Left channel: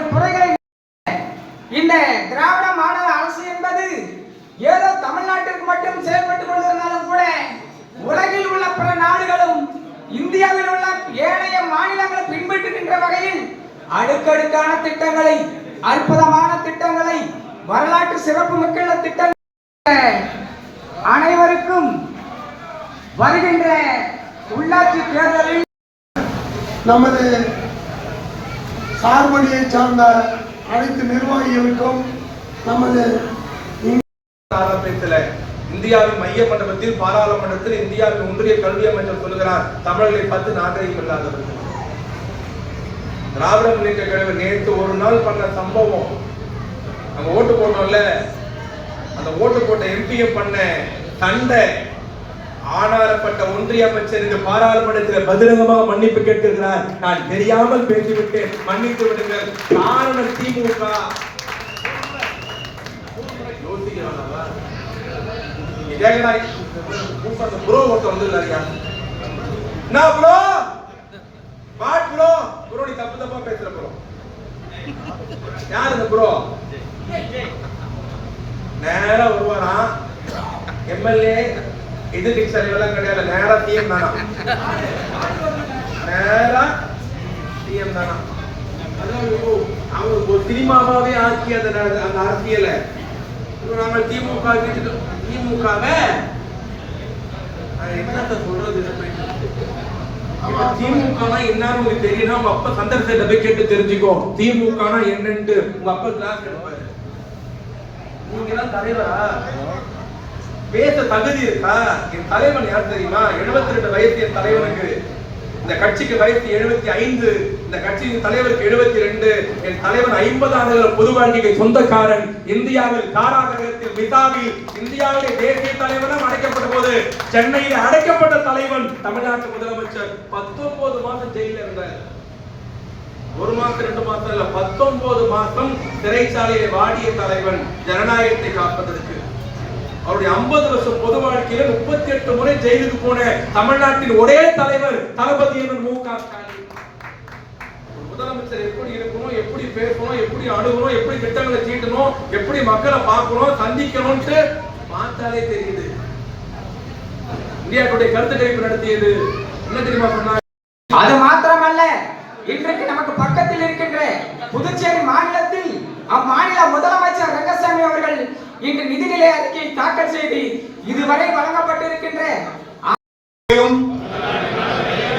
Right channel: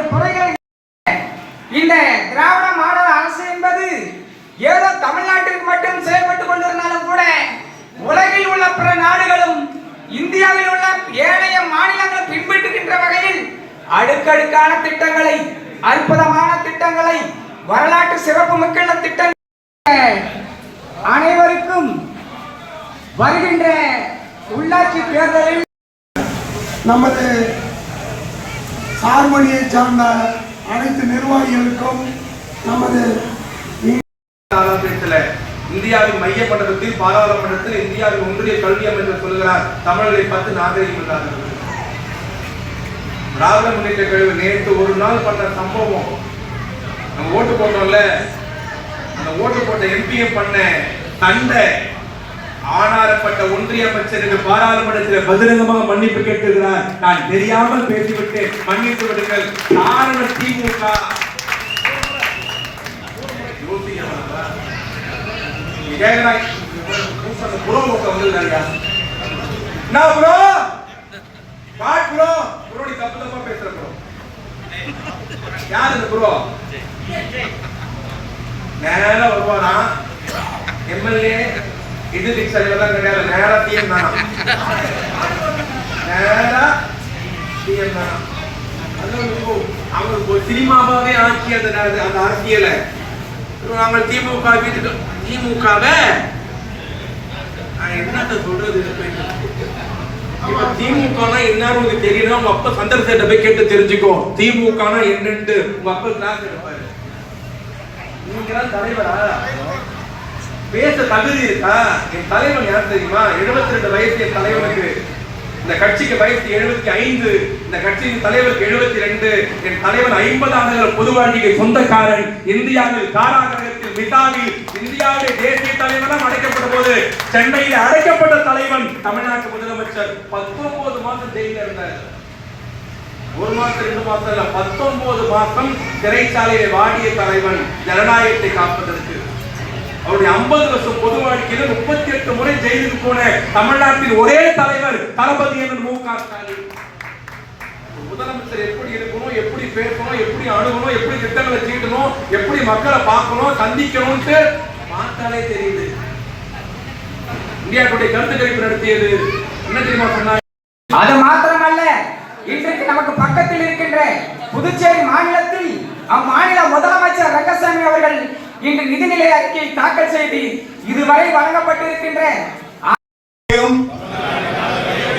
தங்கள் குறைகளை இந்த திராவிட மாடல் அரசு என்பது ஏதோ தமிழ்நாட்டிற்கு மட்டும் செயல்பட்டுக் கொண்டிருந்தாலும் கூட உலகில் உள்ள பிற நாடுகளும் இந்தியாவில் உள்ள ஏழைய மாநிலங்களும் பின்பற்றுகின்ற வகையில் அடுக்கடுக்கான திட்டங்களை, அற்புதமான திட்டங்களை, வரலாற்று சிறப்பு மிக்க திட்டங்கள் அனைவருக்கும் வருகின்ற உள்ளாட்சி தேர்தலில் நமது சார்மொழியை சார்ந்த அனைத்து நிர்வாகிகளுக்கும் நமது இந்தியாவின் மையப்பட்டத்தில் பாராளுமன்றத்தில் இந்தியாவின் ஒன்றிய கல்வி அமைச்சர் சொல்கிறார் தமிழர்களை பார்த்து நாகரிகம் இல்லாதவர்கள். திராவிட முன்னேற்ற கழகம் நேற்று ஒரு நாள் பண்ண சம்பவம், நம்ம ஓட்டு போட்டோம்ல, அந்த ஓட்டு போட்ட எம்பிஎம் பண்ண சண்டை, ஆனாரப்பட்ட ஒன்றிய அமைச்சருக்கு பாராளுமன்றத்தில் பகிரங்கமாக மன்னிப்பு கேட்கிறார். நான் தெரியாமல் பேசிவிட்டு மன்னித்து விடுங்கள். காரணம் திமுக. நேரா வருவானா எம்எல்ஏ எதிர்கட்சி தலைவர்லாம் கிடையாது, நேரா டிஎம் தானா, நேரா டிஎம் தானா. அவங்களுக்கு ஒரு சினிமாவே ஆட்சி அந்த அரசியலை நாங்கள் திமுக திமுகவை என்னத்த சொல்றது. திமுக என்ன தெரியணும், உங்க அப்பா சந்தர்சத்தை போய் கேட்டு தெரிஞ்சுக்கோ. திமுக என்னன்னு உங்க அப்பா கிளாஸ் எடுப்பாரு. நீங்க தான் தலைவரா, பேச தகுதி இருக்கா? என் தலைவன் யார் தெரியுமா? 72 வயசு என் தலைவனுக்கு. இந்த கட்சிக்கு வயசு 75, இந்த கட்சியின் தலைவருக்கு 72. என் தலைவன் 50 ஆண்டுகள் பொது வாழ்க்கைக்கு சொந்தக்காரன். இந்தியாவில் காராகிரகத்தில் மிதாவில் இந்தியாவுடைய தேசிய தலைவர் அடைக்கப்பட்ட போது சென்னையில் அடைக்கப்பட்ட தலைவன் தமிழ்நாட்டு முதலமைச்சர் 19 மாதம் ஜெயில இருந்தார். 1 மாசம் 2 மாசம் இல்ல, 19 மாசம் சிறைச்சாலையை வாடிய தலைவன் ஜனநாயகத்தை காப்பதற்கு. அவருடைய 50 வருஷம் பொது வாழ்க்கையில 38 முறை ஜெயிலுக்கு போன தமிழ்நாட்டின் ஒரே தலைவர் தளபதி மு.க. ஸ்டாலின். முதலமைச்சர் எப்படி இருக்கணும், எப்படி பேசணும், எப்படி அணுகணும், எப்படி திட்டங்களை தீட்டணும், எப்படி மக்களை பார்க்கணும், சந்திக்கணும்னு பார்த்தாலே தெரியுது. இந்தியாவுடைய கருத்து கணிப்பு நடத்தியது என்ன தெரியுமா சொன்னார்? அது மாத்திரமல்ல, இன்றைக்கு நமக்கு பக்கத்தில் இருக்கின்ற புதுச்சேரி மாநிலத்தில் அம்மாநில முதலமைச்சர் ரங்கசாமி அவர்கள் இன்று நிதிநிலை அறிக்கையை தாக்கல் செய்து இதுவரை வழங்கப்பட்டிருக்கின்ற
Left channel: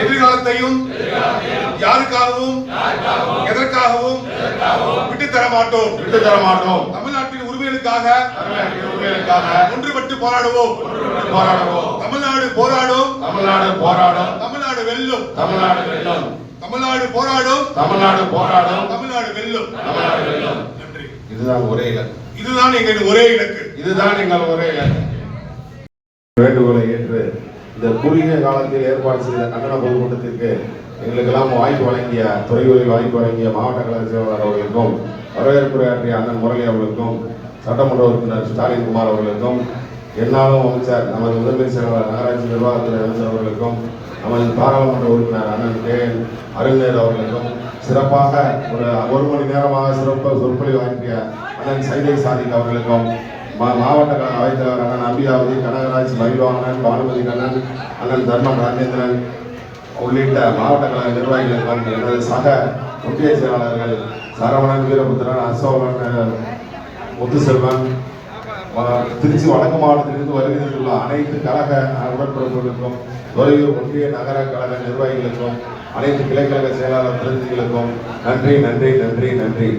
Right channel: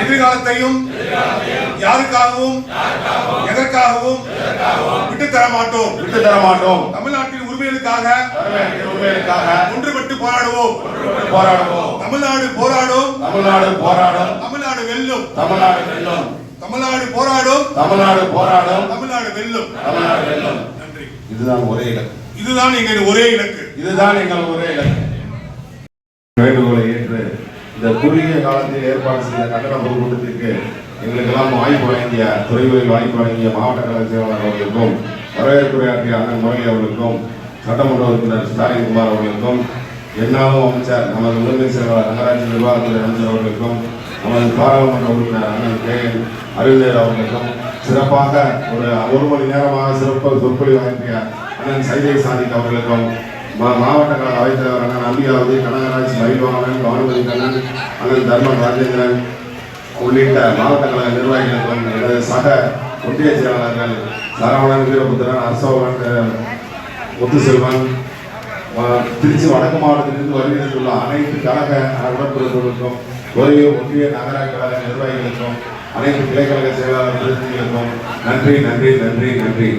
எதிர்காலத்தையும் யாருக்காகவும் எதற்காகவும் விட்டுத்தர மாட்டோம். தமிழ்நாட்டின் உரிமைகளுக்காக ஒன்றுபட்டு போராடுவோம். தமிழ்நாடு போராடும். தமிழ்நாடு வெல்லும். தமிழ்நாடு போராடும். தமிழ்நாடு வெல்லும். நன்றி. இதுதான் ஒரே இலக்கு. இதுதான் எங்கள் ஒரே இலக்கு. வேண்டுகோளை ஏற்று இந்த குறுகிய காலத்தில் ஏற்பாடு செய்த கட்டண பொதுக்கூட்டத்திற்கு எங்களுக்கெல்லாம் வாய்ப்பு வழங்கிய துறைகளில் வாய்ப்பு வழங்கிய மாவட்ட கழக செயலாளர் அவர்களுக்கும், வரவேற்புரையாற்றிய அண்ணன் முரளி அவர்களுக்கும், சட்டமன்ற உறுப்பினர் ஸ்டாலின் குமார் அவர்களுக்கும், என்னாலும் அமைச்சர் நமது முதன்மை செயலாளர் நகராட்சி நிர்வாகத்துறை அமைச்சர் அவர்களுக்கும், நமது பாராளுமன்ற உறுப்பினர் அண்ணன் கே.என். அருள்தேவ் அவர்களுக்கும், சிறப்பாக ஒரு மணி நேரமாக சொற்பொழிவு வழங்கிய அண்ணன் சைதை சாதிக் அவர்களுக்கும், மாவட்ட கழக அவைத்தலைவர் அண்ணன் அம்பிகாவதி, கனகராஜ் மயில்வாகன், பானுமதி கண்ணன், அண்ணன் தர்ம ராஜேந்திரன் உள்ளிட்ட மாவட்ட கழக நிர்வாகிகளுக்கும், எனது சக ஒன்றிய செயலாளர்கள் சரவணன், வீரபுத்திரன், அசோகன், முத்துசெல்வன், திருச்சி வடக்கு மாவட்டத்திலிருந்து வருகின்ற அனைத்து கழக உடன்பிறப்புகளுக்கும், ஒன்றிய நகர கழக நிர்வாகிகளுக்கும், அனைத்து கிளைக்கழக செயலாளர் பிரதிநிதிகளுக்கும் நன்றி.